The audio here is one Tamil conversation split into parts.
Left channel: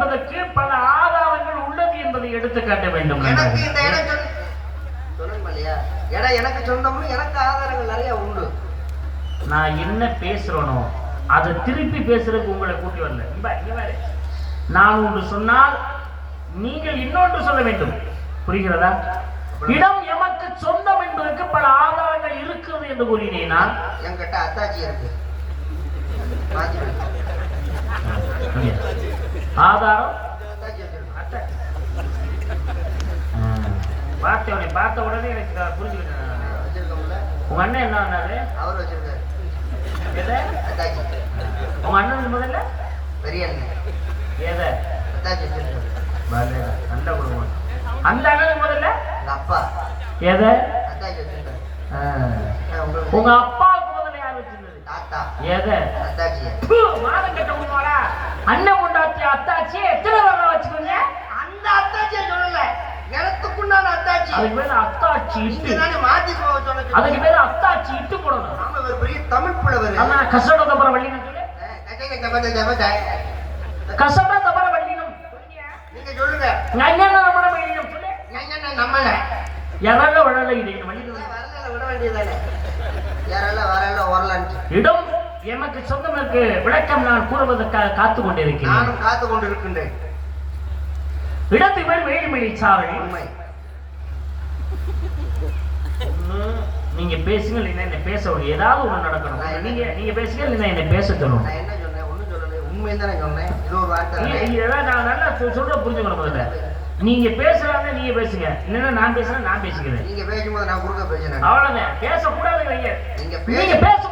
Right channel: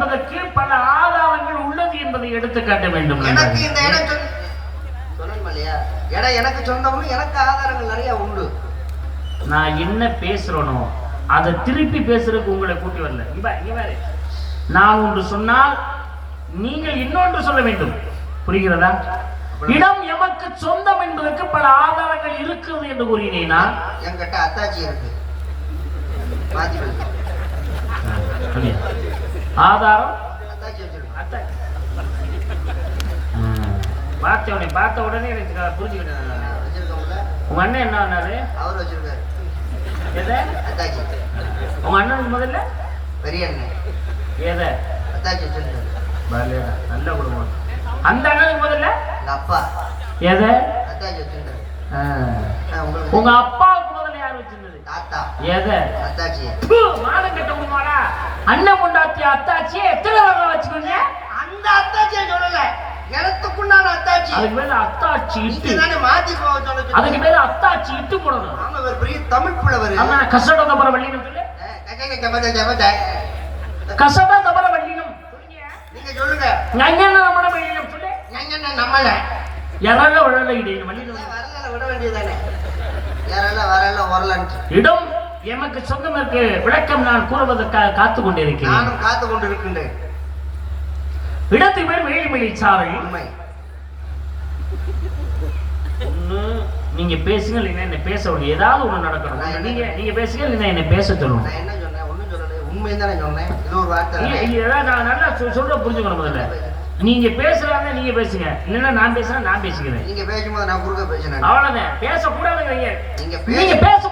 என்பதற்கு பல ஆதாரங்கள் உள்ளது என்பதை எடுத்து காட்ட வேண்டும் எனக்கு இந்த. இடம் சொல் சொல்லணும் இல்லையா? இடம் எனக்கு சொந்தம்னு எனக்கு ஆதாரங்கள் நிறைய உண்டு. நான் என்ன பேசுறேனோ அதை திருப்பி பேசுறதுக்கு உங்களை கூட்டி வரல. பாரு. நான் ஒன்று சொன்னால் நீங்கள் இன்னொன்று சொல்ல வேண்டும். புரிகிறதா? இடம் எமக்கு சொந்தம் என்பதற்கு பல ஆதாரங்கள் இருக்கிறது என்று கூறினேனா என்கிட்ட அத்தாச்சி இருக்கு? ஆதாரம்? பார்த்த உடனே பார்த்த உடனே எனக்கு புரிஞ்சுக்கிட்டேன் உங்க அண்ணன் என்ன பண்ணாரு? அவர் வச்சிருக்காரு. உங்க அண்ணனுக்கு முதல்ல? பெரிய அண்ணன். எதை? நல்ல குடும்பம். அந்த அண்ணனுக்கு முதல்ல? அப்பா. எதை? உங்க அப்பாவுக்கு முதல்ல யார் வச்சிருந்தது? தாத்தா. எதை? மானம் கெட்டவங்கமாடா. அண்ணன் கொண்டாட்டி அத்தாச்சி எத்தனை தடவை வச்சுக்கோங்க? அந்த அத்தாச்சியை சொல்லல. இடத்துக்குண்டான அத்தாச்சி. அதுக்கு அத்தாச்சி இட்டு. தானே மாத்தி போக அதுக்கு சொல்லுங்க பேரு அத்தாச்சி இட்டு போடணும். ஆமா ஒரு பெரிய தமிழ் புலவர். ஆமா கசட தபர வள்ளினம் கசட தபர வள்ளினம் நீங்க சொல்லுங்க. நங்கன நம்மட வள்ளினம் சொல்லு. எங்க நம்மள. எரல வழல இடையின வள்ளினம் வரல விட வேண்டியதானே யாரெல்லாம் வரல வரலான்ட்டு. இடம் எமக்கு சொந்தமற்கு விளக்கம் நான் கூறுவதற்காக காத்து கொண்டிருக்கிறேன். நானும் காத்து கொண்டு இருக்கின்றேன் இடத்து பேர் வேலிமணி சாலை உண்மை. நீங்க பேசுங்க இல்லைன்னா என்ன பேச விடுங்க ஏதாவது ஒண்ணு நடக்கணும். நீங்க நீங்க பேசுங்க இல்லைன்னா என்ன பேச சொல்லணும் நான் என்ன சொன்னேன்? ஒண்ணும் சொல்லல. உண்மை தானே சொன்னேன். இது ஒரு வார்த்தை நல்லா சொல்ல புரிஞ்சுக்கணும் முதல்ல. நீங்க பேசுறாங்க நீங்க பேசுங்க. இல்லைன்னா நான் பேசுறேன் நான் பேசிக்கிறேன். நீங்க பேசும்போது நான் குறுக்க பேசினேன். அவ்வளவுதான். பேசக்கூடாது வைங்க நீங்க நீங்க பேச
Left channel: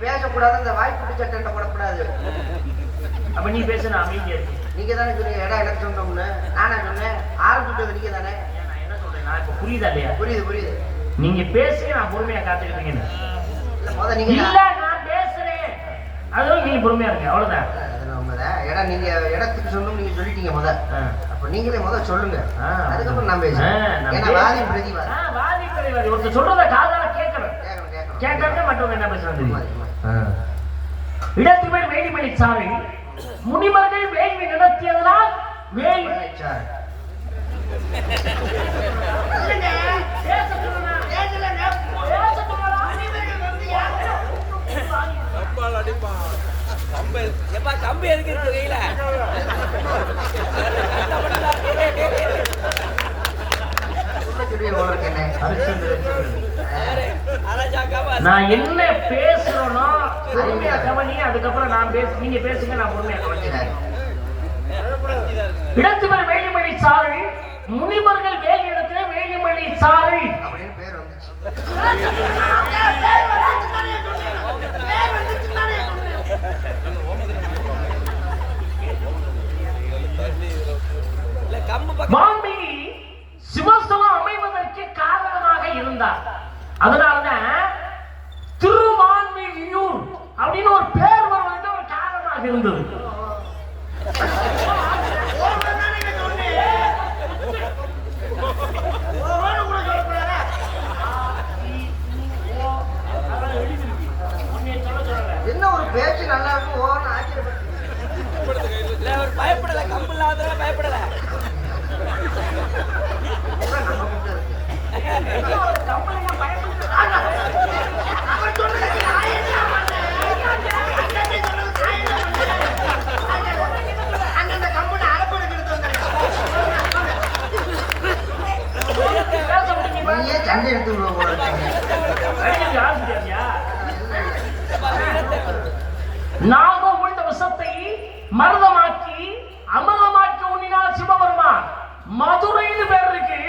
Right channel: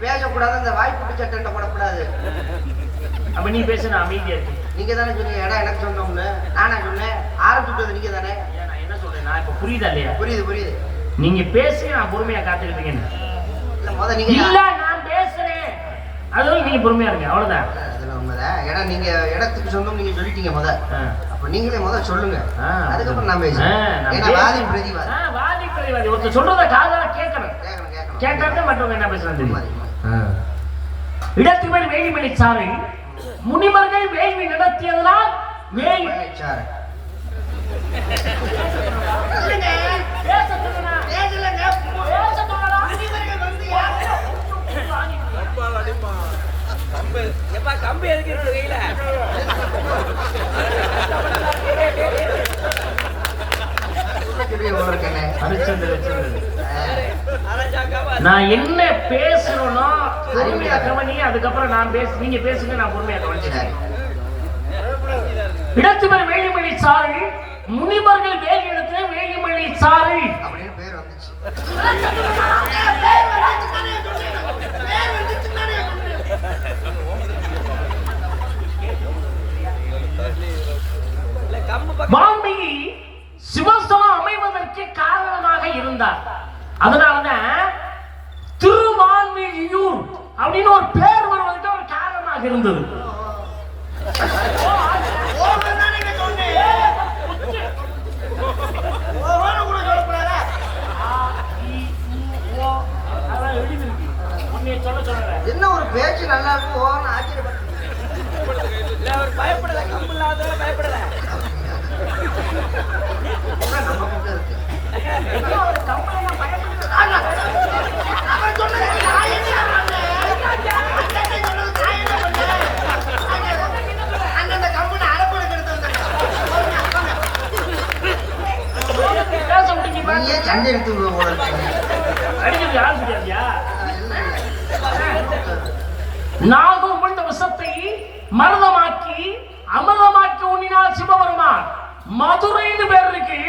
பேசக்கூடாது அந்த வாய்ப்பு சட்டை போடக்கூடாது. அப்ப நீ பேசு நான் அமைதியா இருக்கு. நீங்க தானே சொன்னீங்க இடம் எனக்கு சொந்தம்னு நானா சொன்னேன் ஆரம்பிச்சுட்டது நீங்க தானே நான் என்ன சொல்றேன்? நான் இப்ப புரியுதா இல்லையா? புரியுது புரியுது. நீங்க பேசுங்க நான் பொறுமையா காத்துக்கிட்டு இருக்கேன் இல்ல முத நீங்க இல்ல நான் பேசுறேன். அதுவும் நீங்க பொறுமையா இருங்க அவ்வளவுதான். இடம் நீங்க இடத்துக்கு சொந்தம் நீங்க சொல்லிட்டீங்க முத. அப்ப நீங்களே முத சொல்லுங்க. அதுக்கப்புறம் நான் பேசுறேன். நான் ஏன்னா பேச- வாதி பிரதிவாதி. ஆ, வாதி பிரதிவாதி. ஒருத்தர் சொல்றத காதால கேட்கணும். கேட்கறது மற்றவங்க என்ன பேசுறது தெரியும். இடத்து மேல் வேலிமணி சாலை முனிவர்கள் வேள்வி நடத்தியதனால் சொல்லுடா. எப்பா கம்பி எதுக்கு இருக்கு கையில சொல்ல சொல்லி உங்களுக்கு என்ன? ஹரிச்சந்திர வச்சிருந்தது. அரைச்சாக்காவா நான் என்ன பேசுறேனோ பொறுமையா கவனி அதுக்கப்புறம் நான் பேச நீங்க பேசுங்க நான் பொறுமையா கவனிச்சுக்கிறேன் சரி. இடத்து பேர் வேலிமணி சாலை முனிவர்கள் வேலி இடத்துல வேலிமணி அப்படின்னு பேர் வந்துச்சு. பக்கம் வால்மீகி சிவஸ்தலம் அமைவதற்கு காரணமாக இருந்தார். அதனாலதான் அப்படின்னு ஒரு பேர் வருவதற்கு ஒரு காரணமாக இருந்தது அதான் எழுதியிருக்கு. நீ சொல்ல சொல்றேன் என்ன ஒரு பேச்சு நல்லா இருக்கும் ஓன்னு ஆச்சரியப்பட்டு இல்ல அவர் பயப்படல கம்பு இல்லாதவங்க பயப்படல நம்ம கிட்ட இருக்கு பேச முடியுமா நீயே சண்டை எடுத்து விடுவ போல இருக்கு. அடிக்கிறது ஆசிரியர்யா நாகம் கொண்ட விஷத்தை மருதமாக்கி அமிர்தமாக்கி உண்ணினார் சிவபெருமான் மதுரைன்னு பேர் இருக்கு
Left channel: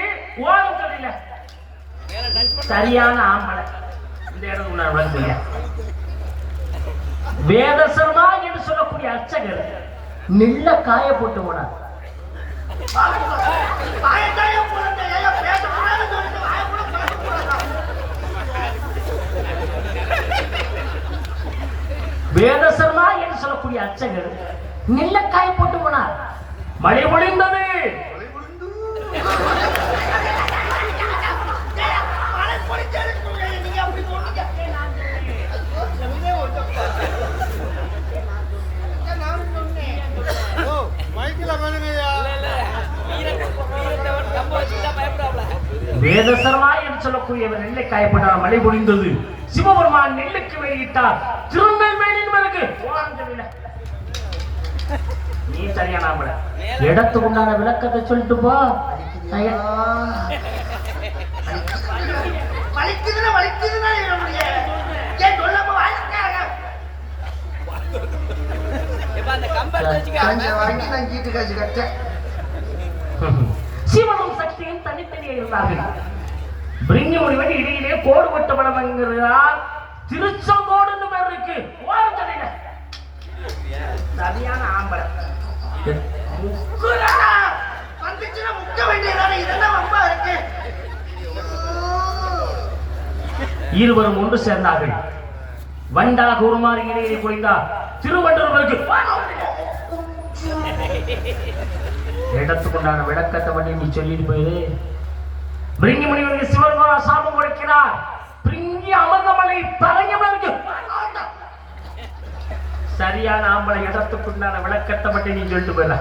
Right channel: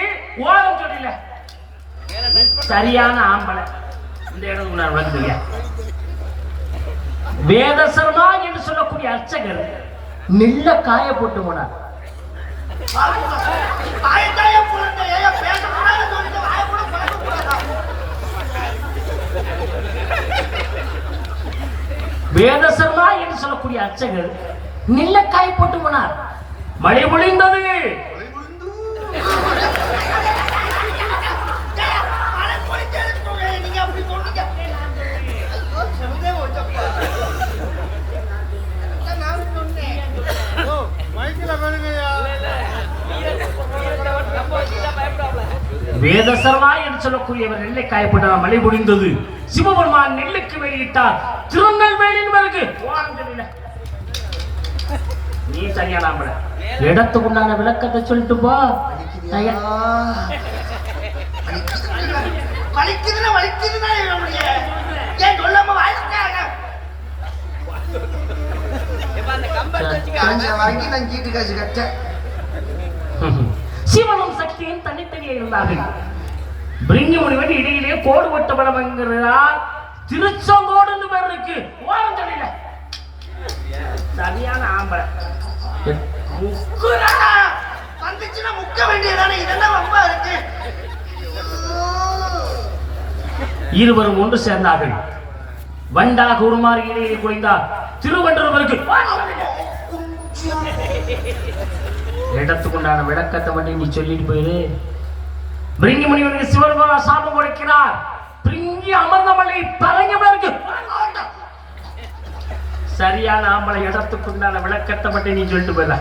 ஓரம் சொல்லல சரியான ஆம்பளை. இந்த இடம் நான் வந்துங்க வேதசர்மா என்று சொல்லக்கூடிய அர்ச்சகர் நெல்ல காய போட்டு போனார். வேதசர்மா என்று சொல்லக்கூடிய அர்ச்சகர் நெல்லக்காய் போட்டு போனார். மழை பொழிந்தது. வேதசரமா என்று சொல்லக்கூடியவர் நெல்லை காயப்பட்டால் மழை பொழிந்தது. சிவபெருமான் நெல்லுக்கு வெளியிட்டார். திருநெல்வேலியின் பிறகு நீ சரியான. இடத்துக்கு உண்டான விளக்கத்தை சொல்லிட்டு போ. வலிக்குதுன்னா வலிக்குதுன்னா ஏன் சொல்லாம அந்த வச்சுக்க. காசை வாங்கி நான் சீட்டு காசு கட்டேன் இருந்தார்கள் பிரிங்கி முனிவன் இடையிலே கோடு வெட்டப்படம் என்கிறார். திருச்செங்கோடுன்னு பேர் இருக்கு. ஓரஞ்சடையில சரியான ஆம்பளை. முக்குறானா வந்துச்சுன்னா முக்க வேண்டியதானே? இதெல்லாம் ரொம்ப இருக்கு. இருவரும் ஒன்று சேர்ந்தார்கள். வண்டா கூறுமாறு இடையே குறைந்தார். திருவண்டவருக்கு இடத்துக்குண்டான விளக்கத்தை மட்டும் நீ சொல்லிட்டு போயிரு. பிரிங்கி முனிவருக்கு சிவருமா சாபம் கொடுக்கிறார். பிரிங்கி அமர்ந்தமலை பரங்கவருக்கு சரியான ஆம்பளை இடத்துக்குண்டான விளக்கத்தை மட்டும் நீ சொல்லிட்டு போயிடல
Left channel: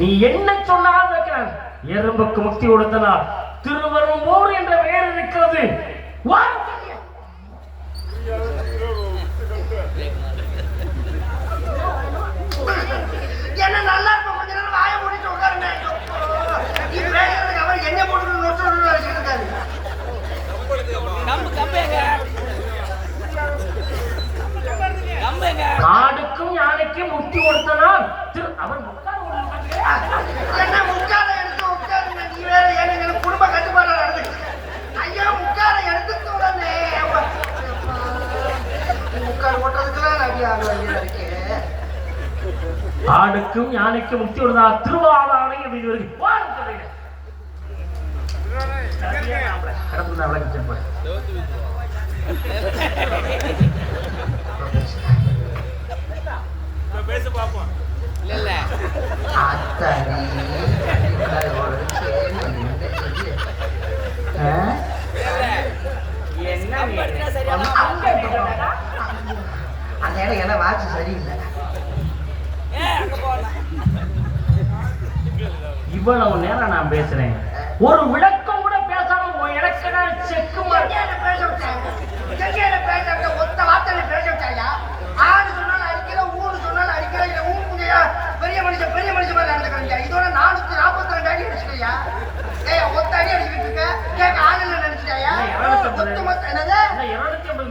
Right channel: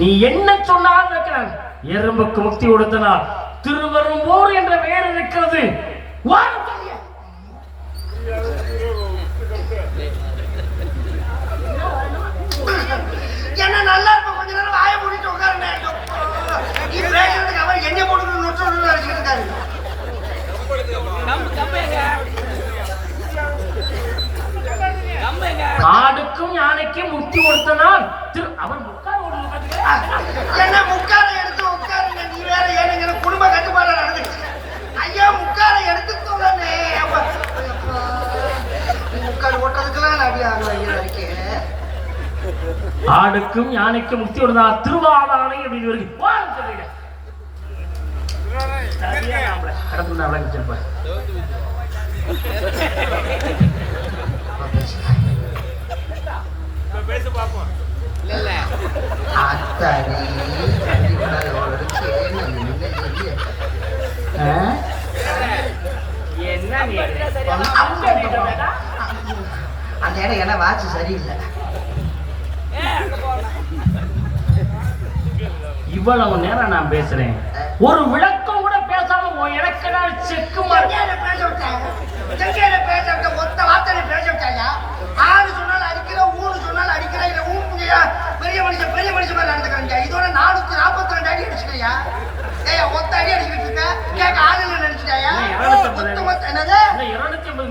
நீ என்ன சொன்னாலும் வைக்கிறான் எறும்புக்கு முக்தி கொடுத்தனால் திருவரும்பூர் என்ற பெயர் இருக்கிறது வாருங்கள். என்ன நல்லா இருக்கும் கொஞ்ச நேரம் வாய மூடிட்டு உட்காருங்க நீ பேசுறதுக்கு அவர் என்ன போட்டு நொட்டு நினைச்சிட்டு இருக்காரு கம்பு கம்பு எங்க கம்பு எங்க யானைக்கும் முக்தி கொடுத்தனால் திரு அவன் உட்கார என்ன முக்கால எடுத்து உட்காருங்க நீ வேற ஏனுங்க குடும்ப கட்டுப்பாடு நடந்துச்சு ஐயா முக்கால எடுத்து தூடனே முக்கால் போட்டதுக்கெல்லாம் ஆகல இருக்கேன் ஆடுக்கும் யானைக்கும் முக்தி கொடுத்தனால் திருவாதானை அப்படின்னு இருக்கு. கடந்து நான் இல்ல? அந்த இடம் என்ன வாட்சி சரியில்லை இவ்வளவு நேரம் நான் பேசுறேன் ஒரு விளக்கம் கூட பேசாம எனக்கு செக்கு பேச விட்டேன்? பேச விட்டேன்? ஒத்த வார்த்தையில பேச விட்டாயா? ஆறு சொன்னாலும் அடிக்கிற, ஊரு சொன்னாலும் அடிக்கிற, இல்ல ஊம்புங்கய்யா. பெரிய மனுஷன் பெரிய மனுஷன் மாதிரி நடந்துக்கிறீங்க. இதோட 442 அடி அடிச்சிட்டயா? ஏய், ஒத்த அடி அடிச்சுக்கிட்டு இருக்க. கேட்க ஆள் இல்லைன்னு நினைச்சிட்டாயா? என்னது?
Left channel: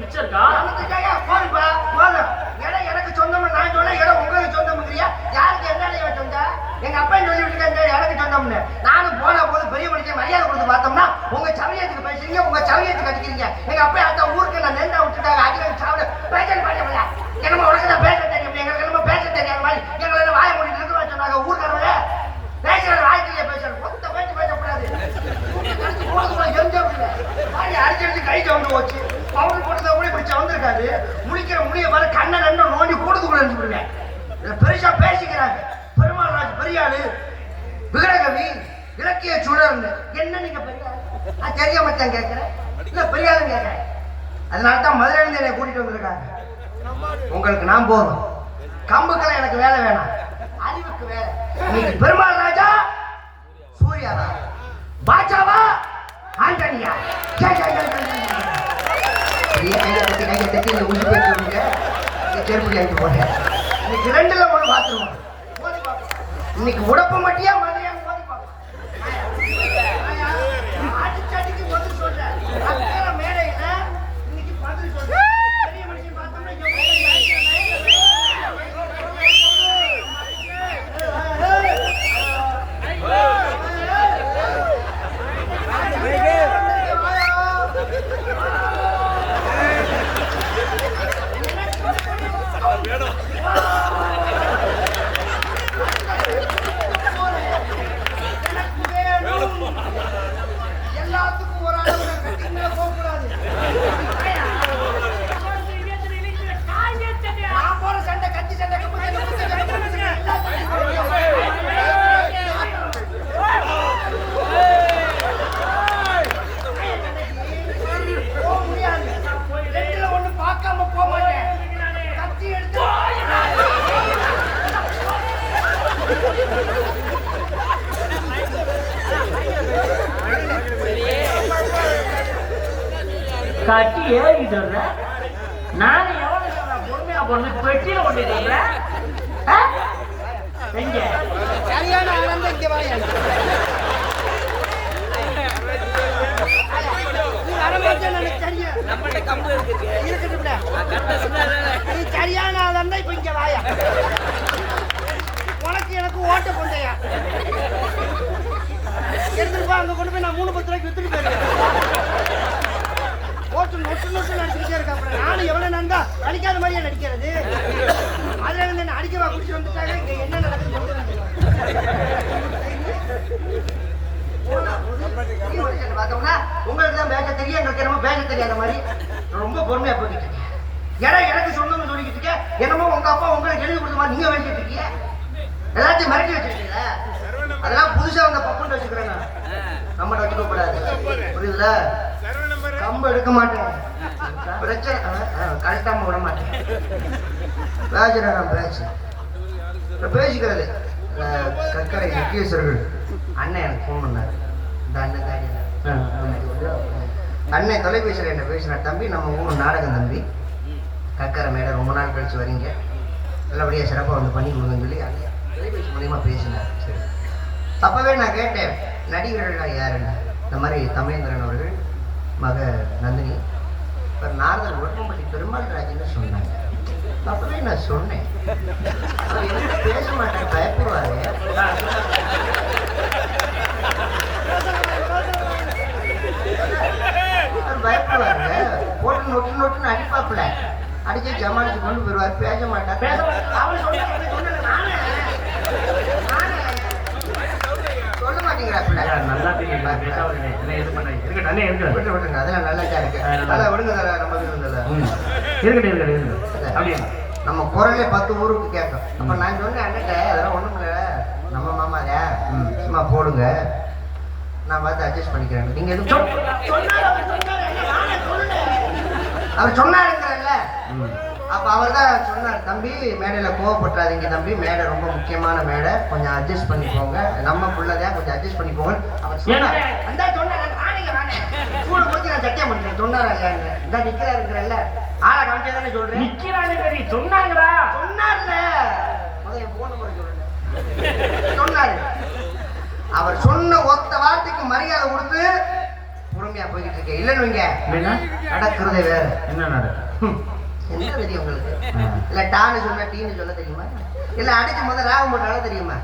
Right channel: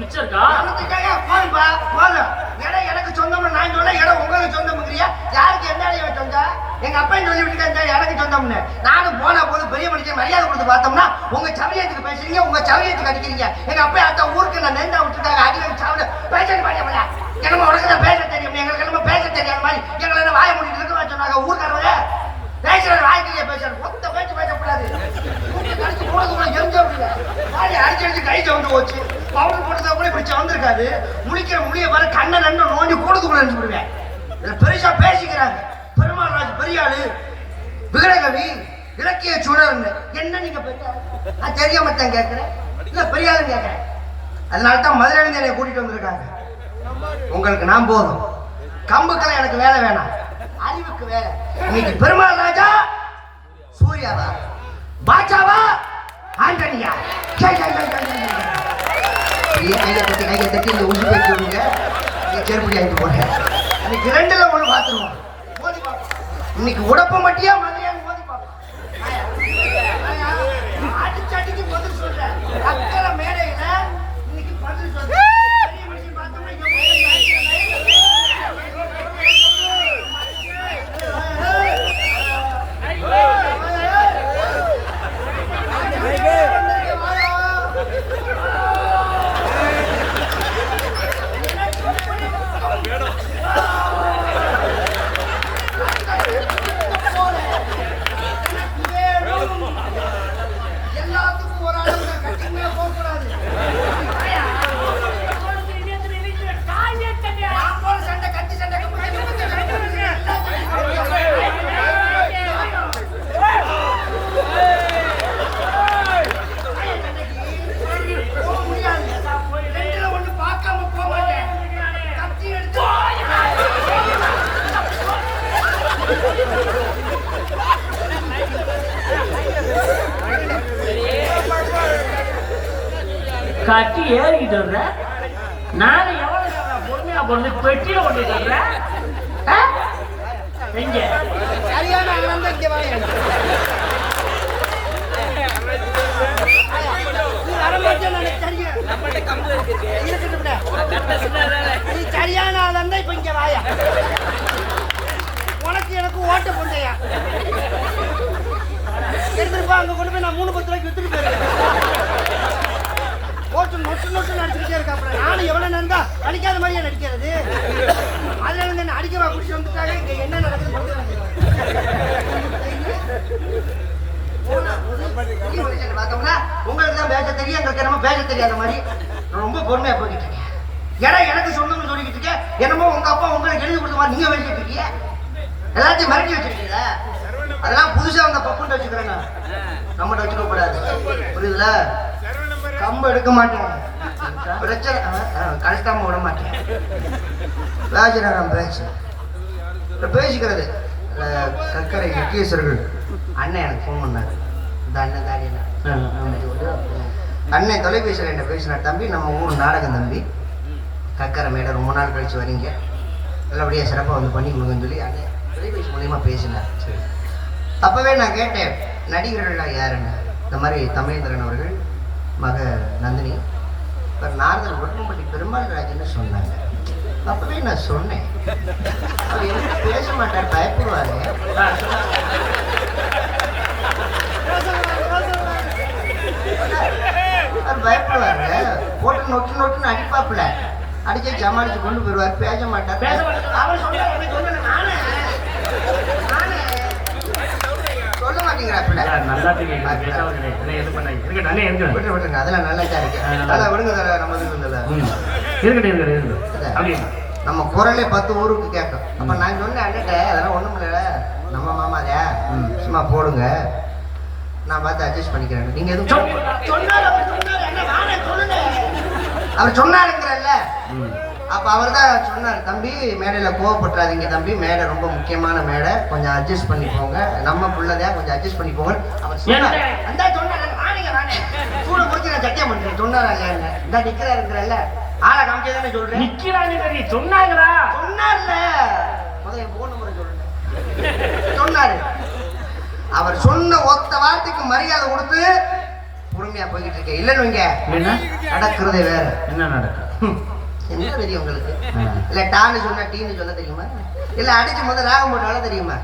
மிச்சம் இருக்கா இருநூத்திக்காயா? போதும்பா, போதும். இடம் எனக்கு சொந்தம்னு நான் சொல்ல, இடம் உங்களுக்கு சொந்தம்ங்கிறியா? யாருக்கு என்ன இடம் சொந்தம்? எங்க அப்பா சொல்லி விட்டுருக்காங்க எனக்கு சொந்தம்னு நானும் போனா போது பெரிய மனுஷன் மரியாதை கொடுத்து பார்த்தோம்னா உங்க சமயத்துக்கு பேசுறீங்க உங்க சமயத்துக்கு அடிக்கிறீங்க எங்க அப்பா அத்தா ஊருக்கு நான் நேர்ந்தா விட்டுருக்காங்க அடி வச்சு சாப்பிட பேசணும் பாடியா என்னமோ உனக்கு தான் பேச தெரியும் எங்களுக்கு என்னமோ பேச தெரியாத மாதிரி எங்களை என்ன வாய முடிட்டு இருக்க சொன்னாங்க ஊருக்காரவே பேசுற வாய்க்கிலேயே பேசுற மொத்த பேச்சு பேசக்கூடாது. அடிச்சு போடுறது எங்க அப்படிங்க வாடி அடிச்சு அடிச்சு கை சவுண்டு போச்சு. பவுடர் போட்டதா கூட இப்படி வந்திருக்காரு முழிக்கிற முடிய வர கண்ணை நன்ன நோண்டி கூடுது கூட நினைச்சுடுவேன் இதுல பெருசா பேசிக்கிறாங்க. பெருமாள் ராஜ் பெரியாளு விகடகவி இலக்கிய சுடர்னு என்ன நீங்க பெரிய நான் தெரியாம தான் கேட்கிறேன். இல்ல பெரிய ஆளு கேட்கிறேன். அதனால தான் மதுரையிலிருந்து என்னை கூட்டிட்டு வந்திருக்காங்க. உங்களுக்கு நான் போதும். கம்புக்கெல்லாம் எனக்கு வேலை வேணாம். அறிவுக்கு இன்னைக்கு பெருமாள் ராஜா சூர்யாவா பாஜாவா ஆண்டனியா? ஜெய் ஜெய் ஜெய் ஜெய் ஜெய் நீ கையை தட்டி கையை தட்டி இந்த உசு பேச்சு விடுங்க நீ செருப்படி ஆகி இன்னைக்கு ரெண்டுல பார்த்துருவோம். இன்னைக்கு உடப்ப மட்டியா மலையா மோதி பார்ப்போம் ஆயா, அடிச்சு அடிச்சு பதில் சொல்றேன் அக்கறை மேடையில இன்னைக்கு பதில் சொல்றேன் பெரிய மனுஷன் பார்த்தோம்னா எவ்வளவு கட்டி ஏறிக்கிட்டு வர்ற. நானும் எவ்வளவு பொறுமையா போறது பெட்டியில கொண்டு வர்றேன் எங்க? சரியான ஆனந்தம் நீ நீ சரியான ஆளா இப்ப இங்க வாயா. உனக்கு எனக்கு ஓட்ட பொண்டையா எடுத்துட்டு அங்க கொண்டு போய் நான் மூணு பத்து ரூபாய்க்கு வித்துட்டு போயிருக்கேன். ஓட்டு நொட்டு நொட்டு நடிச்சுக்கிட்டே இருக்க அப்புறம் நானும் எவ்வளவு நடந்தா அடிக்காத மாதிரியே நடிக்கிறது? அதுல இருந்து என்ன அடிக்கவா குடிச்சு வந்துட்டாங்க? இங்க என்ன நடக்குது? உங்களுக்கு தான் பேச தெரியும் எங்களுக்கு என்னமோ பேச தெரியாத மாதிரி. ரொம்ப பொறுமையா போய்கிட்டு இருக்கேன் ஏன்னா எனக்கு சொந்தம்னு சொல்லிக்கிட்டு இருக்கேன். என்னமோ உங்க அப்பா உங்களுக்கு எழுதி கொடுத்த மாதிரி நீங்க வேண்டிட்டு இருக்கீங்க. எல்லாத்தையும் மிரட்டி வச்சிருக்கீங்களா அதெல்லாம் புதுசா அந்த பப்புன்னு வச்சுக்கிறேன் நான். நம்மகிட்ட வச்சுக்க கூடாது. புரியுதுல? கம்பு எடுக்க மாட்டேன். பிரச்சனை கஷ்டமா விட மாட்டேன். ராஜநகரம் பேச்சு. பேசிக்கிறது அஹ், கக்கரை முக்கியஸ்வர்கள் அண்ணன் எனக்கு ஃபோன் பண்ணாரு. இந்த அண்ணன் காரியல அண்ணன் தொலைபேசியில் என்ன பேசினார் தம்பி நம்ம ஊர் நாடகம் தம்பி. கக்கரை மேடம் ரொம்ப நாள் கழிச்சு வரீங்க. நல்லபடியாக சிறப்பாக வந்து பண்ணி கொடுங்கன்னு சொல்லி அண்ணன் தொலைபேசி மூலியமா பேசினார். சரி. அப்போவே நான் கேட்டேன் நடிகர்கள்லாம் யாருன்னு இந்த மாதிரி தமிழேந்திரன் அவர்கள் மக நந்தினி. இப்போ நாரதர் உடம்படி பெருமாள் ராஜன்னு சொன்னாங்க? அப்பவே நான் சொன்னேன். அவர் என்ன பேச மாட்டார் பயப்படுவாரு. அவர் பயப்படுவாரு. போட்டு நொட்டு நொட்டுன்னு அடிப்பாப்புல. அடிச்சு ஜமாளிச்சு கொண்டு போயிடுவார். பேச மாட்டார். பேச மாட்டார். அவர் சொன்னாரு, சொன்னேன் நானே. நானே. சொல்ல மாட்டேங்கிறாப்புல நல்லா தெரியும் பேசாம இருக்கேன். என்ன எது பண்ண இருக்கட்டும் நல்லா அதெல்லாம் நல்லா இருக்கு அதெல்லாம் விடுங்க நம்ம. இருக்கட்டும் நம்ம குரலே பத்து ஊருக்கு கேட்கும். அப்ப நான் சொன்னேன் அண்ணட்ட அதெல்லாம் ஒண்ணும் இல்ல. நம்ம மாமாதே சும்மா போடுங்க. நான் பார்த்து அட்ஜஸ்ட் பண்ணிக்கிறேன். நீங்க எதுவும் அவர் சொன்னாரு, அண்ணா, அப்ப அவர் தான் சொன்னார் தம்பி மேடையில கோவப்பட்டுறாதீங்க தம்பி. மேடை ரொம்ப முக்கியமான மேடை. கொஞ்சம் அட்ஜஸ்ட் பண்ணி போங்க. நம்ம பிள்ளைதையா கொஞ்சம் அட்ஜஸ்ட் பண்ணி போங்க அவர் சொன்னார்? அந்த சொன்னாரு சூடு முடிச்சு நான் சத்தியம் பண்றேன். சொன்னாரா இந்த நிக்கிறாருங்கிறல்ல ஆளை காமிச்சதானே சொல்றேன். நிக்கிறாங்க சரி சொன்னாங்களா? சொன்னார்ல. முதல்ல போன் நம்பரை சொல்லுங்க. சொன்னாரு. அவர் சொன்ன ஒத்த வார்த்தைக்கு மரியாதை கொடுத்து பொறுமையா போய்கிட்டு இருக்கேன். இல்லைன்னு வைங்க. நடக்கிறதே வேற. என்ன நடக்கும். என்ன தெரியும் உங்களுக்கு. இல்ல டான்னு சொன்னா டீன்னு சொல்ல தெரியுமா? இல்ல அடிச்சு முதல்ல ராகம் போட்டாலும் தெரியுமா?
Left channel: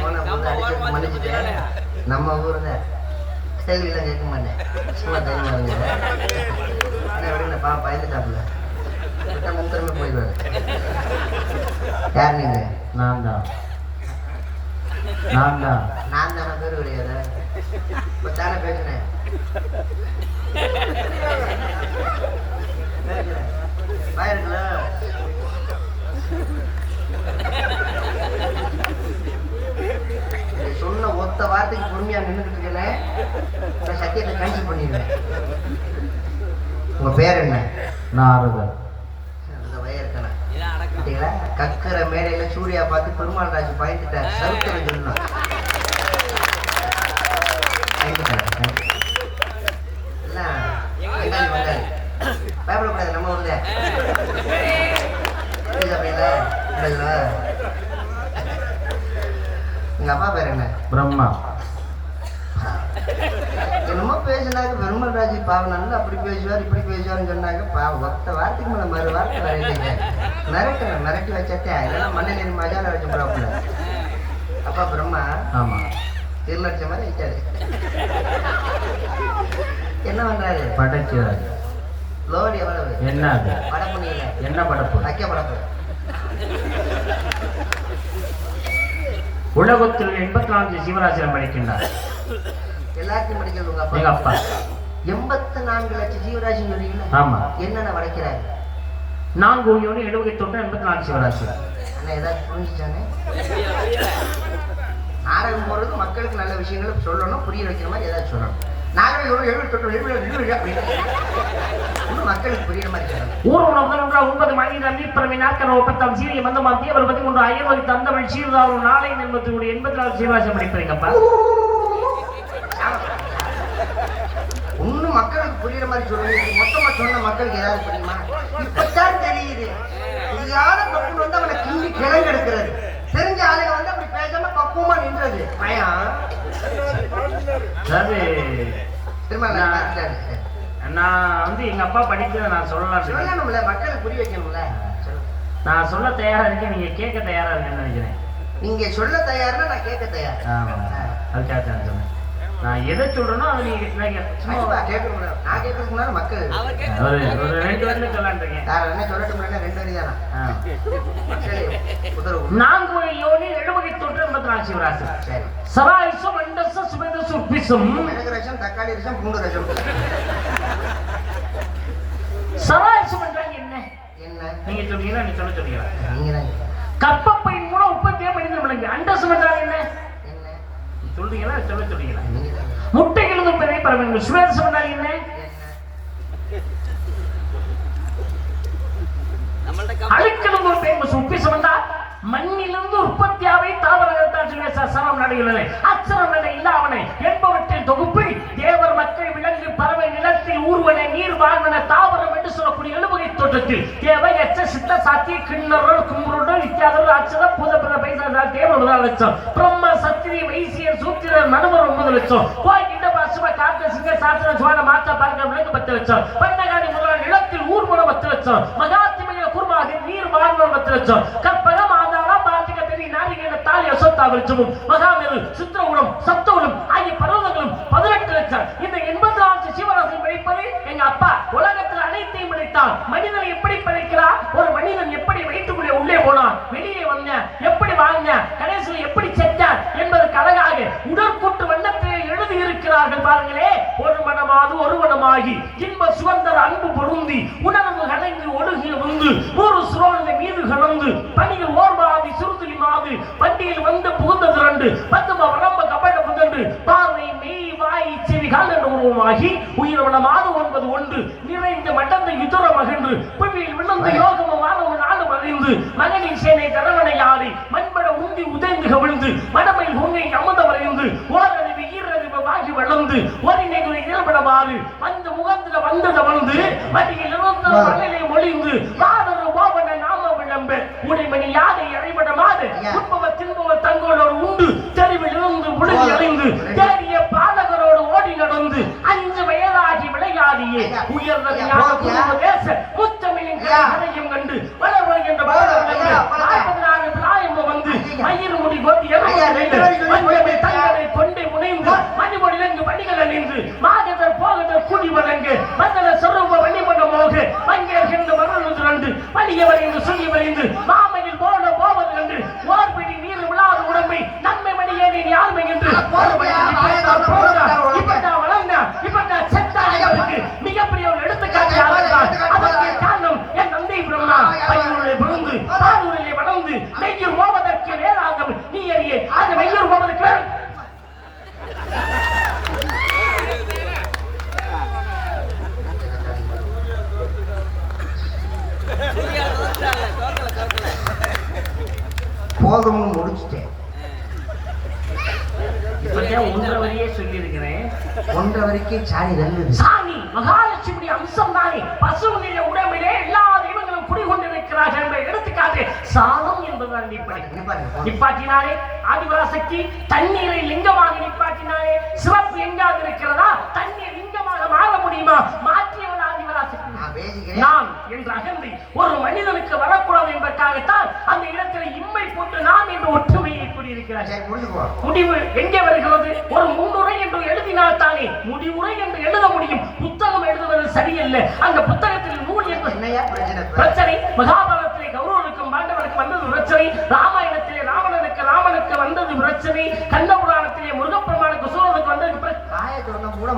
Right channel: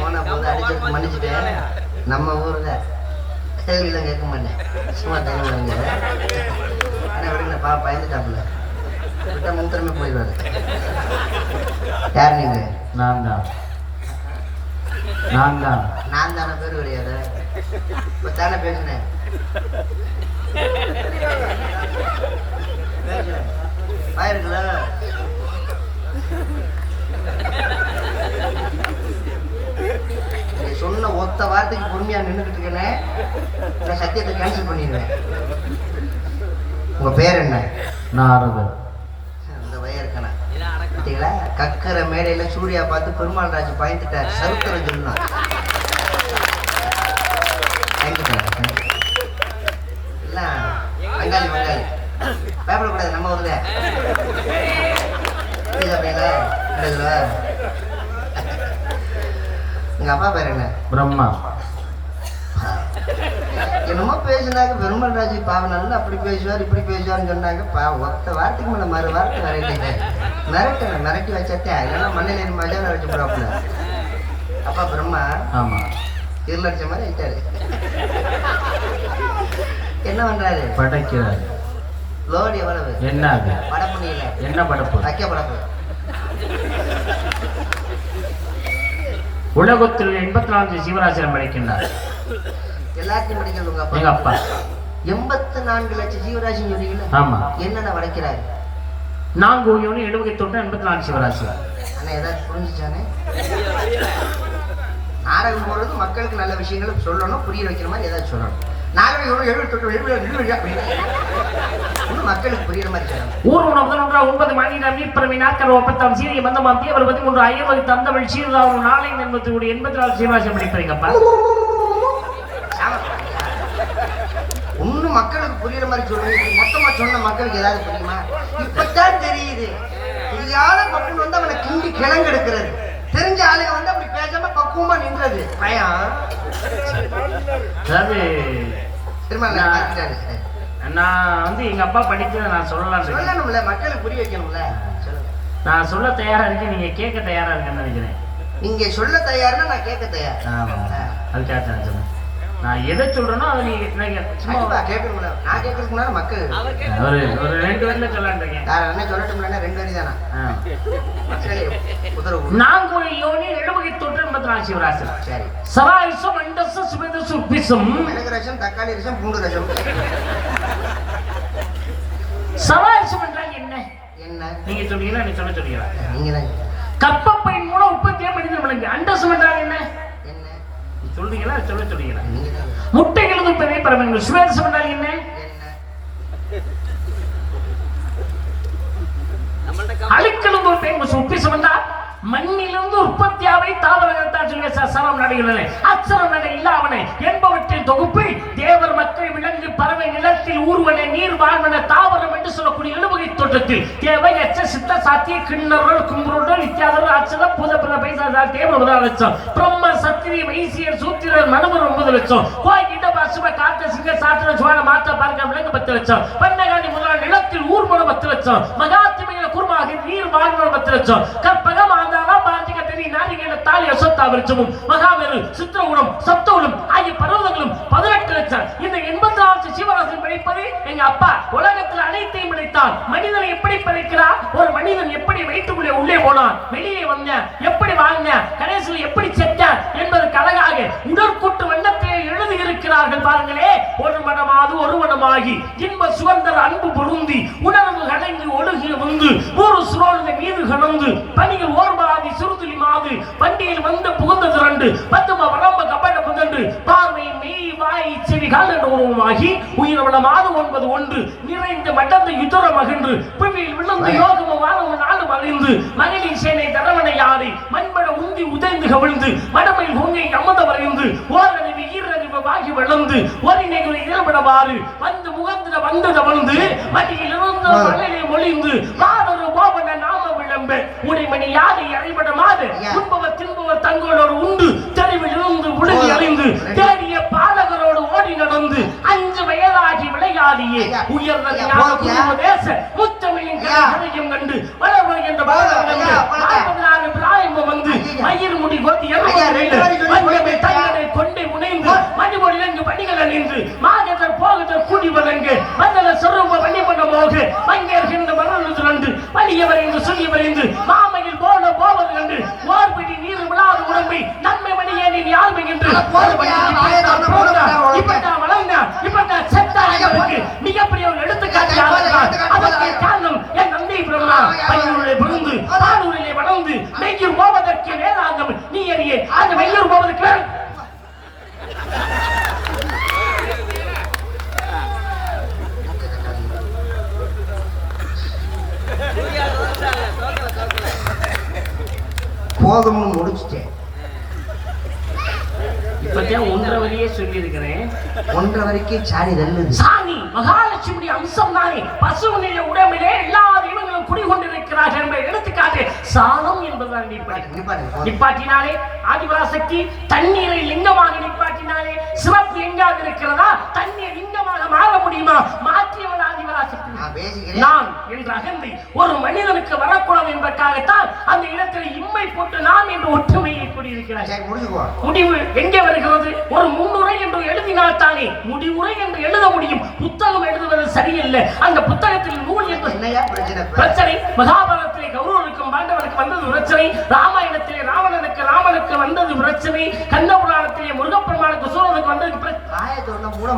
போன போது அடிச்சு மன்னிச்சுட்டேன். நம்ம ஊர்ல கேள்வியெல்லாம் கேட்க மாட்டேன். சும்மா தெரியுமா அண்ணா விடுங்க பா பயந்துட்டாப்புல. விட்டா முன்திறமை போயிடுவாரு. யார் நீங்க? நான் தான். நான் தான். நான் தானே பேர் கிடையாது. இப்ப தானே பேசுனேன். சொன்ன ஒத்த வார்த்தைக்கு பொறுமையா நின்றுட்டு இருக்கேன் சத்தியத்தை கேன்சல் பண்ணிடுவேன். உங்க பேர் என்ன? நாரதர் அந்த வயற்கனா பார்த்தீங்களா கக்கரை மேடையில சூர்யா பார்த்து பெருமாள் ராஜ் பயந்துட்டார். சரித்திரம் சொல்லணும். எல்லாம் வங்காளி பயப்படக்கூடாது நம்ம ஊர்ல? உங்க அப்பா பேர் என்ன? பிரம்மா. என்னமோ பேசினாங்க பெருமாள் ராஜி பாவம் நல்லா அப்படி பேசுவார் இப்படி பேசுவார்னு சொன்னாங்க. பாவம் ஒத்த வார்த்தைக்கு மேல மறு வார்த்தை வரலைங்க மிரட்டுங்க மிரட்டி வச்சட்டே இல்லைன்னா மண்ணில் ஏறி மஜாவில் வச்சு போறாப்புல அப்பா பிரம்மா ஆமா. இருள் அடிச்ச மாதிரி ஆயிட்டாரு என்ன பண்றாரு? படைக்கிறார். லோடு எவ்வளவு? என்ன படப்பு நீல என்ன படைப்பு? வைக்க படப்பு உலகத்தில் எண்பத்தி நான்கு ஜீவராசிரம் படைக்கின்றார். எல்லாத்தையும் படிக்கிறது உங்க எங்க அப்பா? அப்பா எண்பத்தி நான்கு லட்சம் ஜீவராசி சொன்னீங்களா ஆமா. என்னென்ன படைக்கிறாரு நான்கு ஒன்று எழுபத்தி தொட்டு எண்பத்தி நான்கு சிவராசி ஆனா ஏதாவது புரிஞ்சுச்சானே நாடகம் போடுறது மக்களுக்கு நல்ல விஷயங்களை சொல்லணும் புரிய வைக்கிற மாதிரி ஏதாவது சொல்லணும். நாகரிகம் எவ்வளவு எழுபத்தி தொட்டு எழுபது எழுபது அப்படின்னு. இன்னும் மக்களுக்கு புரியுற மாதிரி ஊர் உணவு ஒன்றா ஒன்பது மணி நம்பிப்பிறவி நாட்கள் ஒப்பத்தாம் சீரிய மந்தமாம் தீவிர பத்தி மூன்று ஐயவது தந்தமிழ் சீர்தாவும் நாளை என்பது எண்பத்தி நாலு சீவராசி படிப்பீங்கப்பா மக்களுக்கு புரியுற மாதிரி சொல்லுங்க இப்ப மொத்தமா சொன்ன மக்களுக்கு ஏதாவது இப்பதான் தெரியுது. புரியாத மக்கள் வந்து அவனை கிண்டி கிழங்கு எடுக்கிறது. தெரிஞ்ச ஆளுங்க வந்து பக்குவமா நின்றது. பயம் அதாவது திரும்ப நான் நான் நான் வந்து எங்க அப்பா படித்ததை நான் சொல்லலாம் சொல்லணும்ல மக்களுக்கு புரிய வைக்கணும்ல. நான் சொல்ல தயாரா இருக்கேன் நீங்க கேட்க தயாரா இருக்கேன்னு நினைக்கிறேன். நீங்க சொல்ல தயார்னா நான் கேட்க தயார். ஆமா அதுக்காக தான் சொன்னேன் நான் எதை சொல்றேனோ அதை நீங்க சும்மா கேட்கணும்ல. நான் கேட்கறதுக்கு முன்னாடி மக்கள் ஒரு ஒரு ரெண்டு வருஷம் சொல்லான்றீங்க வேற என்ன சொல்லட்டும்ல ரெண்டு வரி தானா மக்களே யோனி எழுபகை எண்பத்தி நாலு சிவராசு சரி சராயுசம் அண்டச சுபதசு பிசும். மிளகு ரசம் தக்காளி ரசம் பூண்டு ரசம். சராயுசம் என்றால் என்ன? என்ன? நீங்க சொன்னீங்கன்னா நீ சொல்ல சொன்னீங்களா? நீங்க தான் கப்பப்பையின் மூலம் உற்பத்தியா மனிதன் விளங்கு. அண்டசம் என்றால் என்ன? என்ன? நீ சொல்றீங்களா? சொல்ல சொன்னீங்களா? முட்டைகளது பெரிய பரவங்கள் சுவேசம் என்றால் என்ன? அழுக்கிலிருந்து ஒரு பேங்கு உப்பிசம் என்றால் மண்ணிலிருந்து உற்பத்தியாவை தாவரங்கத்தான் சொல்லி சசரம் நடையுள்ளன அச்சரம் நடையில் அவனை என்பவற்றின் தொகுப்பு தேவர் மக்கள் விலங்கு பறவை நிலத்தில் ஊர்வன நீர் வாழ்வன தாவரம் என்று சொல்லக்கூடிய எழுவகை தோட்டத்தில். தேவை எச்ச சித்த சாத்திய கிண்ணர்கள் கும்புருடன் நித்யாதர் அச்சத பூத பிற பைசா தேவ முதல் லட்சம் பிரம்ம சத்திரி வைசியர் சூத்திரர் மனுவர் ஒன்பது லட்சம் கோய் கிட்ட பசும காத்த சிங்க சாத்திர சுவான மாத்த பார்க்க விலங்கு பத்து லட்சம் பண்ணகாணி முதலாளி நிலத்தில் ஊர்வன பத்து லட்சம் மகாத்திமையில குருமாக நீர் வாழ்வன பத்து லட்சம் கற்பகம் ஆந்தாளம் பார்த்திக தாலி அசத்தா விருட்சமும் மகாமேரு சித்திரகுணம் சப்தகுணம் ஆகிய பர்வதங்களும் பதினெட்டு லட்சம். இந்த எண்பத்தி நாலு சிவராசன் படைப்பது எங்க அப்பா உலகத்தில் அனைத்தையும் படைத்தான். மனிதனை எப்படி படைக்கிறார்? ஒரு மனிதன் எப்படி வயிற்றுக்குள்ளே உள்ளே போனான்? வெளியே வந்த எப்படி வாழ்ந்த கடைசியில் எப்படி செத்தார் என்பதற்கு அழகாக உடற்கூட்டு வண்ணத்திலே எழுதி இருக்கிறார்கள் பாருங்களே. ஒரு மனமாது ஒரு மனமாகி இன்ப சுகந்தர் அன்பு பொருந்தி உணர்வு கலங்கி ஒழுகிய வந்து ஒரு சுரோழ்ந்த மீது கலந்து பணியில் ஓர்வாதி வண்டியில் வந்து புகுந்தது ரெண்டு பத்தும வடம்ப கபட புதன்று பார்வை மெய் வாய் செவி கால உருவமாகி உயிரவள மாது ஒன்பது ஒன்று. நிறைந்த மடந்த யுதர மகின்று புவியில் விழுந்து யோகமும் வானமும் நாடும் அறிந்து. மகளிர் சேனை தரவணை யாரை மண்பட உந்தி உதைந்து கவிழ்ந்து. மடமை உங்கை அமத வரைந்து ஓரறிவு வாகி வளர்ந்து ஒரு இளபடவாறு வந்து முகந்திர வந்தத வந்து மலையை மொழிந்து மாதரு கோபன நாம விளம்பு. உடைமணி யாரை அறைபடமாது ஐயா. உண்பவர் தின்பவர் தங்களோடு உண்டு. தெருவில் இருந்து விழுங்கி அடைந்து தேடிய பாலகரோடு ஓடி நடந்து அஞ்சு வயதாகி விளையாடியே. ஐயா. உயர்ந்த ஐயா, ஞான போதும், ஐயா. தேச முத்தமிழின் கண்டு வளர்வர் என்ற. நாற்பதாயிரம் பிராயம் வந்து ஐயா. மயிர் முடி தங்களை கொண்டே முனைந்து மணிபொடி இலங்கு படிகள் அணிந்து மாதத்தர் போகத்தர் கூடி வழங்கு மந்தல சொருப பண்ண மோகு மங்கேற்கின்ற மரணத்து ரெண்டு வலிய வரைந்து சொல்லி வரைந்து மாமையில் போன போவது கண்டு ஓர்பிடி நீர் விழாது உடம்பை நன்மை மணியே நீ யாழ்மை என்று போதுமையா, ஆயிரம் போதுமையா, இப்ப நான் வளர்ந்த இப்ப நான் செத்தாருக்கு மிகப்பெரிய ஒரு எடுத்துக்காட்டு அதற்கு பிறந்து ஆடூரிலே வளர்ந்து மெய்யூர் போவதற்கு வேதாந்தம் நீ அறியே அந்த மெய்யூர் போவதற்கு போதும்னு முடிச்சிட்டேன். ஒன்றரை வரியே சொல்லி இருக்கிறேன் ஒன்றரை வரைக்கும் சாணி தள்ளுது. சாமி மகாலட்சுமி அம்சம் தானே பசுவினுடைய உடம்பிலே எல்லா சாணம் என்பதுதான் நிப்பாட்டி. நிப்பாட்டினாலே ஆதிபராசக்தி தண்ணீரை லிங்கமாக நிப்பாட்டினாலே சிறப்பு எங்காவது இருக்கிறதா? தண்ணீர் லிங்கமாக மாற முடியுமா? மாற்றியவன் ஆதிபராசக்தி நான் என்ற அகந்தை ஒரு மனிதனுக்கு வரக்கூடாது என்பதற்காகத்தான் அந்த இடத்தில் இம்மை போட்டு நாம் என்ற ஒற்றுமையை முடிச்சுக்கோ முடிவு எங்கே வருகிறது? ஒரு முன்னுரை என்று எழுதினால் தானே முடிவுரை என்று எழுத முடியும். புத்தகம் எழுதுவது சரியில்லை. அந்த புத்தகத்தில் நூல் என்று பிரச்சனை? இப்ப? பிரச்சனை மகாபாரதத்திலே கௌரவனுக்கும் பாண்டவனுக்கு வந்தது பிரச்சனை ராமாயணத்திலே ராவணனுக்கு ராமனுக்கு வந்தது பிரச்சனை கந்த புராணத்திலே முருகப்பெருமானுக்கு சூழலுக்கு வந்தது.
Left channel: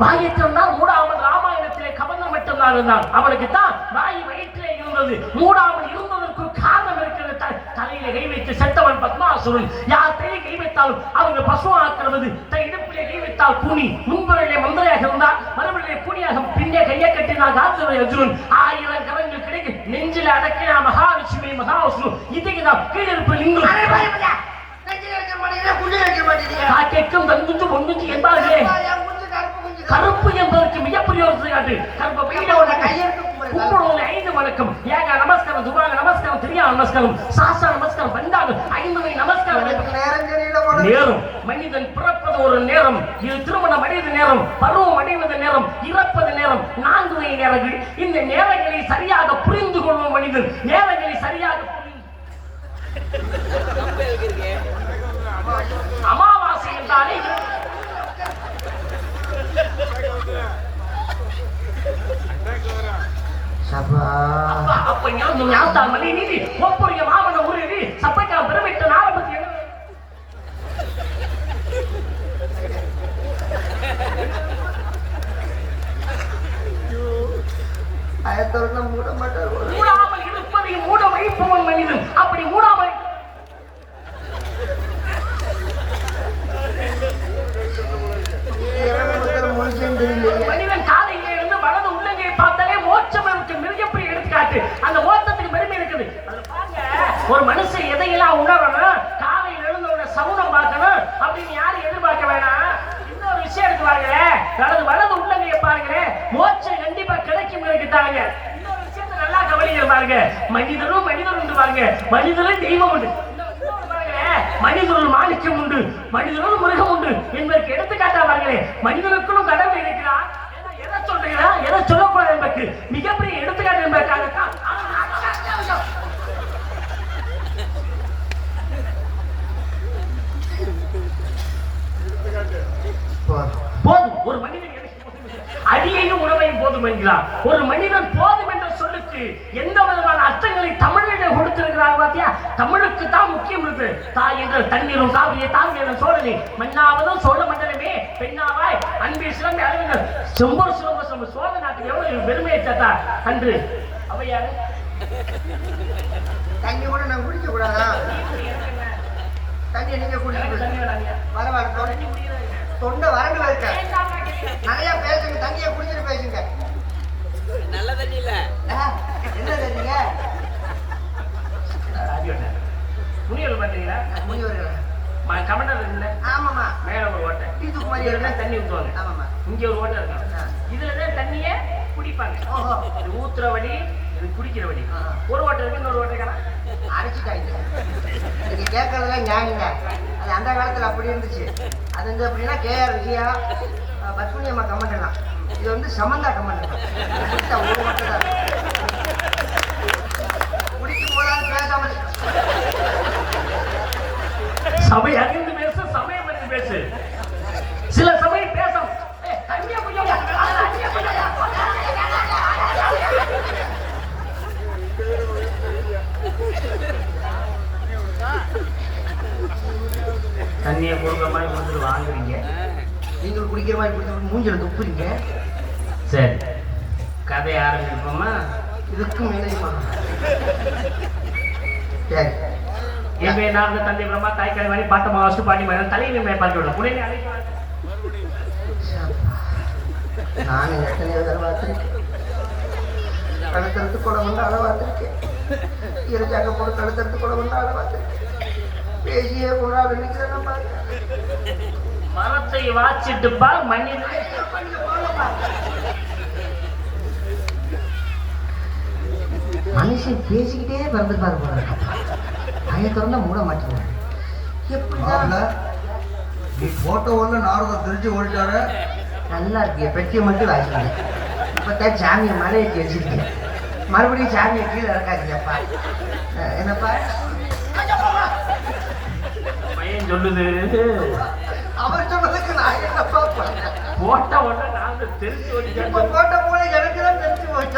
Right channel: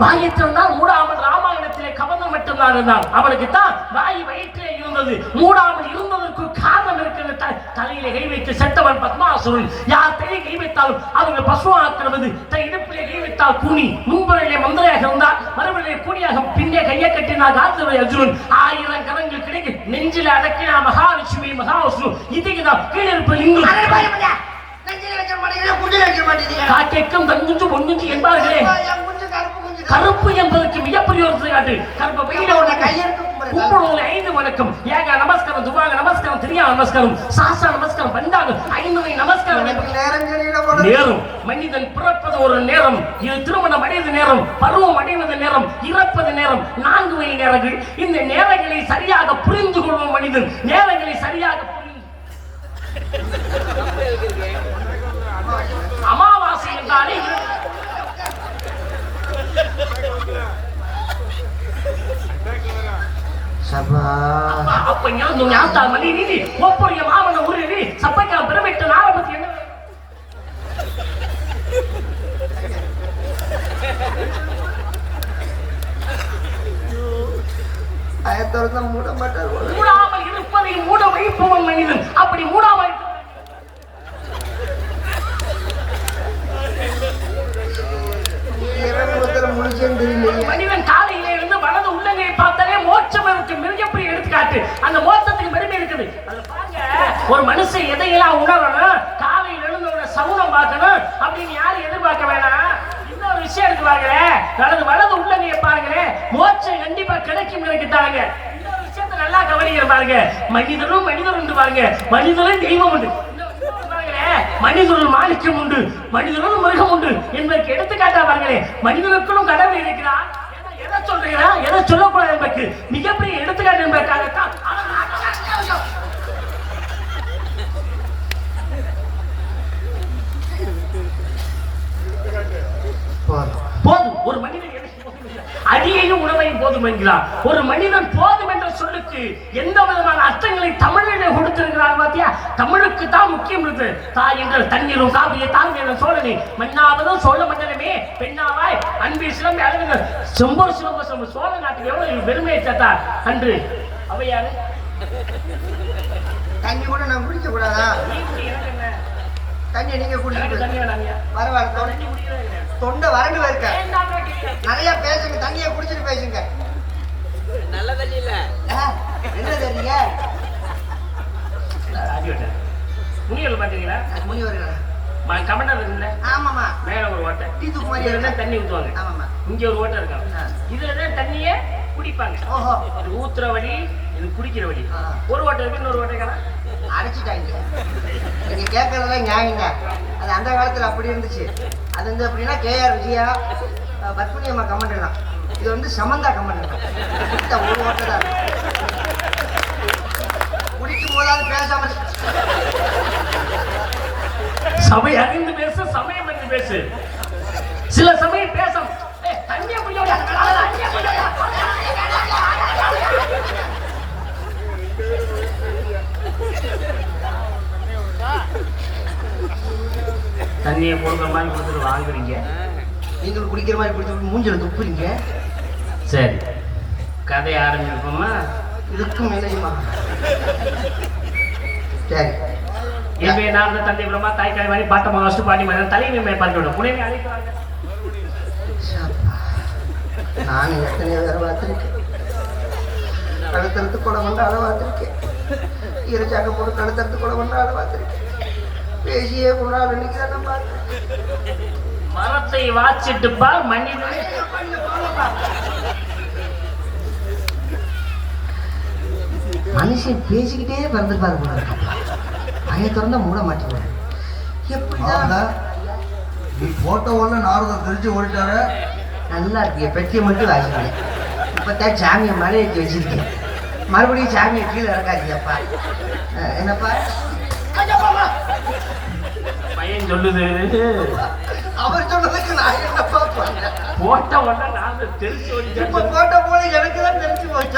வாயத்திருந்தால் மூடாமல் ராமாயணத்திலே கவனம் மட்டும்தான் இருந்தான். அவனுக்கு தான் வாய் வயிற்றிலே இருந்தது. மூடாமல் இருந்ததற்கு காரணம் இருக்கிறது த- தலையிலே கை வைத்து செத்தவன் பத்மாசுரன் யார் தலையை கை வைத்தாலும் அவங்க பசுவாக்குறது தன் இடுப்பிலே கை வைத்தால் கூனி. முன்புறையிலே மந்திரையாக இருந்தால் மறுபடியே கூனியாக பின்னே கையை கட்டினார் காந்தவை அர்ஜுனன். ஆயிரம் கரங்கள் கிடைக்கு நெஞ்சில் அடக்கினா மகாலட்சுமி மகாவிஷ்ணு இதுக்கு தான் குடியில வைக்க மாட்டேங்கிறீங்க. காக்கைக்கும் தங்குஞ்சு பொங்குஞ்சு என்பார்களே. என் குஞ்சு கருப்பு என்பதற்கு மிகப்பெரிய காட்டு கருப்ப பையில உள்ள ஐந்து வணக்கம். ஏக நமஸ்காரம் துவாக நமஸ்காரம் திரியா நமஸ்காரம் சாஸ்திர நமஸ்காரம் பண்டாக ஐந்து வகை நமஸ்காரம் நேரம் மனிதன் பிறப்பது ஒரு நேரம். இது திருமணம் அடைந்த நேரம் பருவம் அடைவது நேரம் இறப்பது நேரம். நான்கு வகை நேரங்கள். இந்த நேரங்களை சரியாக புரிந்து கொள்வோம் மனிதன். நேரங்களை சரியாக புரிந்து சபா அப்ப ஞாபகம் ஞாபகம் மணி நீதி ஒப்பரிய மாவன ஊரடி சப்பைக்கா பிரமிட்ட நாளபத்தி என்ன மூட மாட்டார் மூடாமல் இருப்பதை மூட வைப்பவன் மனிதன் அப்படி மூடாமல் முடிச்சேன் தெரியல எடுத்துக்காட்டு அந்த மோட்சத்துக்கு பெருமை இருக்குது. ஒரு மனுஷன் எதையெல்லாம் உணரணும்? காலையில் எழுந்தவங்க ஒரு சகுனம் பார்க்கணும். அப்படின்னு யாரும் எதிர்பார்க்க வேணாம். இன்னொரு விஷயம் இருக்கு பாருங்களேன் தனது வலது உள்ளங்கைய பாருங்களேன் மோட்சம் கண்டிப்பா கிடைக்கும் நினைக்கிட்டாங்க இன்னொரு விஷயத்த நல்லா கவனிக்கிற பாருங்க. மனிதனும் மனிதன் உண்டு பாருங்க. மனிதனும் தெய்வம் உண்டு. இன்னொரு மாணிக்கம் உண்டு. மனிதனும் மிருகம் உண்டு என்பதற்கு எடுத்துக்காட்டா பாருங்களேன் மனிதனுக்குள்ளும் கடவுள் இருக்கிறான் சொல்றீங்களா எதை சொல்லக்கூடாது என்பதற்கு மிகப்பெரிய எடுத்துக்காட்டு என்பதற்காகத்தான். போதும். ஒரு மனிதன் அடியையும் உணவையும் போதும் என்கிறார். ஒரு மனிதன் போதும் என்ற சொல்லுக்கு எந்த விதமான அர்த்தங்களை தமிழிலே கொடுத்திருக்கிறார் பாத்தியா? தமிழுக்கு தான் முக்கியம் இருக்கு தாய் என்ற தண்ணீரும் காவிய தாங்க என்ற சோழனை. மண்ணாவதும் சோழ மண்டலமே பெண்ணாவாய் அன்பி சிலம்பி அழகுங்கள் செம்பூர் சிலம்ப சிலம்பு சோழ நாட்டுக்கு எவ்வளவு பெருமையை சேர்த்தார் அன்று. அவையாரு தண்ணி கூட நான் குடிக்க கூடாதா? தண்ணி நீங்க வேணாங்க. பரவாயில்ல தொண்டை- வறண்டு இருக்க. நிறைய பேசுங்க தண்ணியை குடிச்சிட்டு பேசுங்க. நல்ல தண்ணி இல்ல. என்ன வெட்ட. முனியல் பாத்தீங்களா முனிவர்கள்? கமண்டர் என்ன ஆமாமா மேல ஒரு ஓட்டை. தூக்கு மாதிரி தண்ணி ஊத்துவாங்க. ஆமாமா இங்க ஒரு ஓட்டை இருக்காங்க இதுல தான் தண்ணியே குடிப்பாங்க. இது ஊத்துற வழி இது குடிக்கிற வழி. ஒரு ஓட்டை இருக்கு இன்னொரு ஓட்டைக்காரன் அரைச்சிட்டாங்க நீங்க கேட்கறதெல்லாம் நியாயங்க. அது அந்த காலத்துல அப்படி இருந்துச்சு. அது வந்து அப்படின்னா கேஆர் விஜயா பத்மினி அம்மா கமெண்ட் இது வந்து சமந்தா கமெண்ட் ஒரு தான். குடிக்கும் போதாவது பேசாம சபை அறிந்து பேசு சமயம் அறிந்து பேசு. சில சமயம் பேச தண்ணியை கொடுக்குற மாதிரி கொடுத்துட்டு வாங்குறீங்க. நீங்கள் குடிக்கிற மாதிரி குடிச்சு மூஞ்சில துப்புறீங்க சரி. கதை ஆரம்பிப்போமா? இதுக்கும் மேலேயுமா சரி. இவை நான் தந்தை பிரம்மா தாய் கலைவாணி பாட்ட மகாஸ்து பாட்டி மகன் தலைமை மேற்பார்க்க புனே அழைக்கிறார்கள் நான் எத்தனையோ பேரை பார்த்துருக்கேன் கழுத்தறுத்து கூட கொண்டு ஆள பார்த்துருக்கேன் இறைச்சாக்க போட்டு கழுத்தறுத்து கூட கொண்டு ஆள பார்த்துருக்கேன் பேசியே நிற்கிறேன் பார்த்துருக்கேன் மரத்தை வாச்சிட்டு பார் மனிதனை மனுஷன் பேசிக்கிட்டே பிறந்திருப்பாரு போல மூட ஆமா. நீ போட்ட ஒண்ணு நாரதம் தெரிஞ்சு ஓடிட்டாரு நல்லா இருக்கு. பெட்டியை மட்டும் வாசிக்கிறேன் இப்போதான் சாமியை மலை ஏற்றி வச்சிருக்கேன். மறுபடியும் சாமியை கீழே இறக்காதீங்கப்பா. என்னப்பா? பையன் சொல்லுது. அவர் சொன்னதுக்கு நான் என்னப்பா போட்ட உடனே நான் தெரிஞ்சு இப்ப ஓடிட்டேன் போட்ட போல எனக்கு தான் தெரிஞ்சு வாயை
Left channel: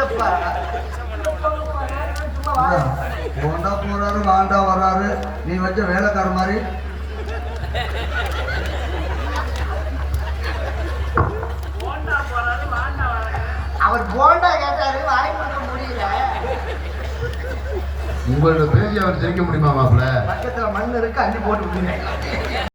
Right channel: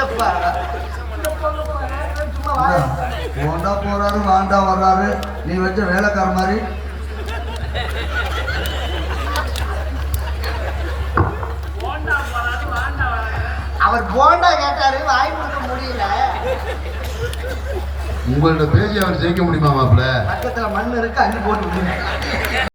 போண்டா போறாரு வாண்டா வர்றாரு. நீ வச்ச வேலைக்கார மாதிரி. அவர் போண்டா கேட்டாரு வாய் கொடுக்க முடியல. உங்கள்ட்ட பேசி அவர் ஜெயிக்க முடியுமா மாப்பிள்ள? பக்கத்துல மண் இருக்கு அள்ளி போட்டு.